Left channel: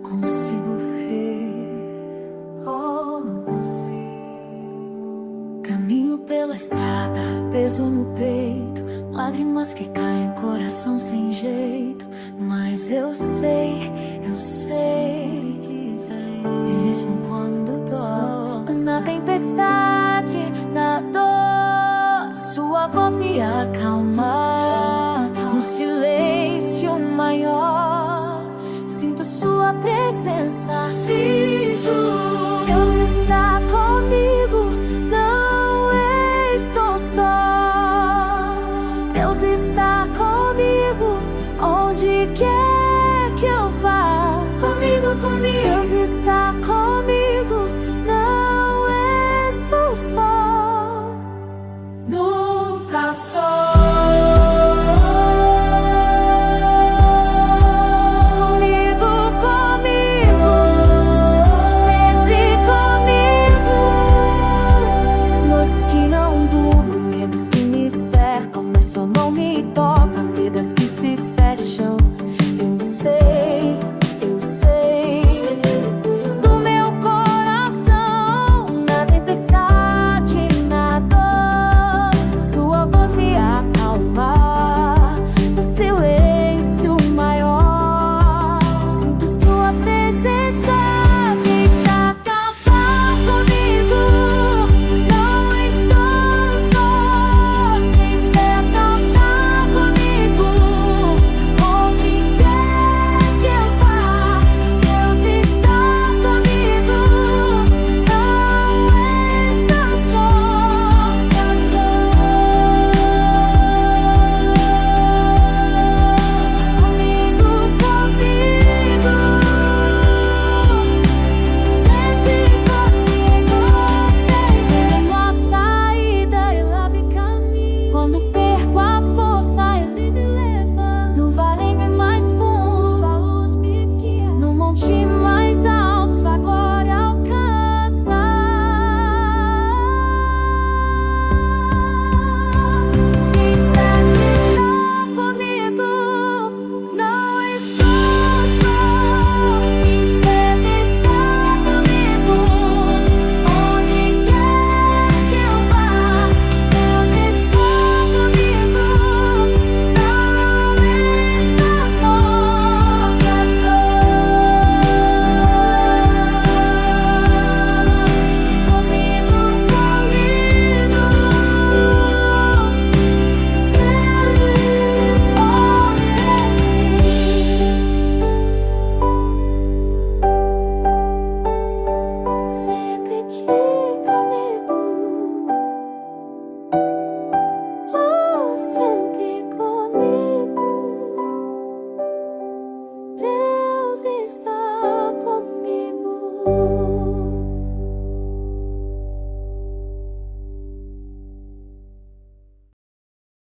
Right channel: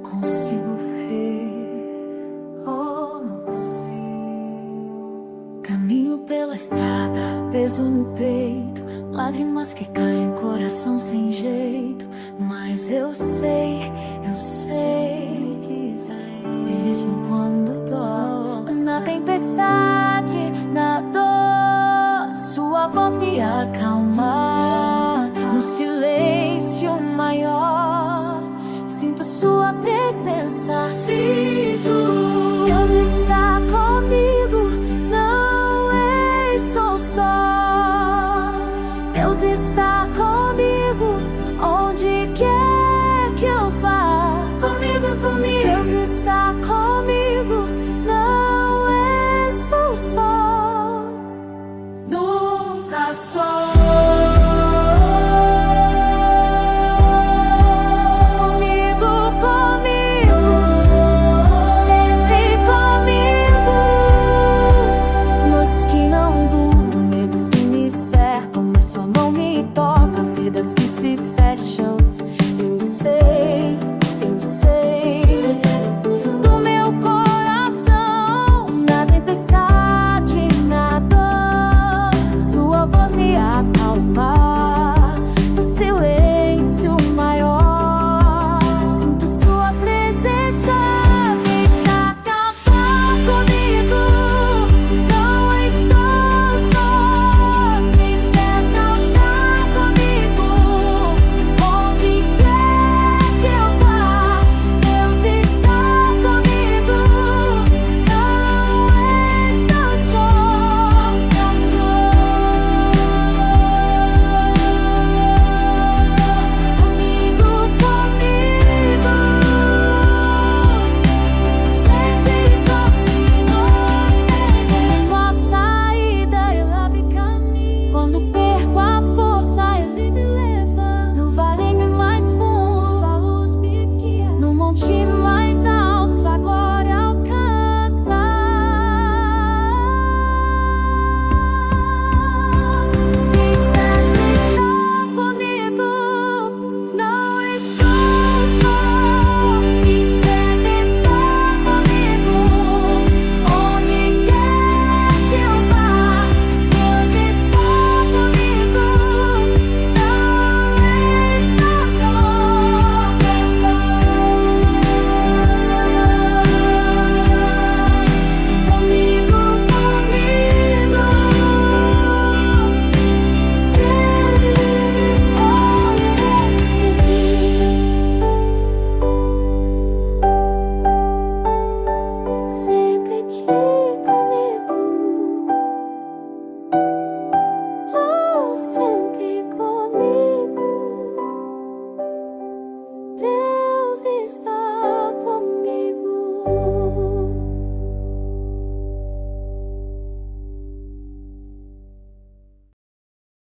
consigo ver, oh, não consigo. Caminho pela estrada, peso no peito, lágrimas que caem, coração sem jeito. Mas eu sei que mesmo quando dói, na tempestade, na dor, sua voz me acalma. No silêncio maior, sinto sua presença. Sinto, Deus está comigo, não estou só. Deus está comigo, onde quer que eu vá. Comigo. Deus está comigo, não estou só. Nunca só. Que não durmo, medos que me cercam, mas sua mão me toca, vidas que se fecham. Eu sei do meu coração, na tempestade, na dor, sua voz me acalma. No silêncio maior, sinto sua presença. Quando perco a força, Ele me leva. No vale mais fundo, sua luz me guia. No monte mais alto, sua glória alcança. Quem está comigo, não estou só. Quem está comigo, onde quer que eu vá. Deus está. Sempre que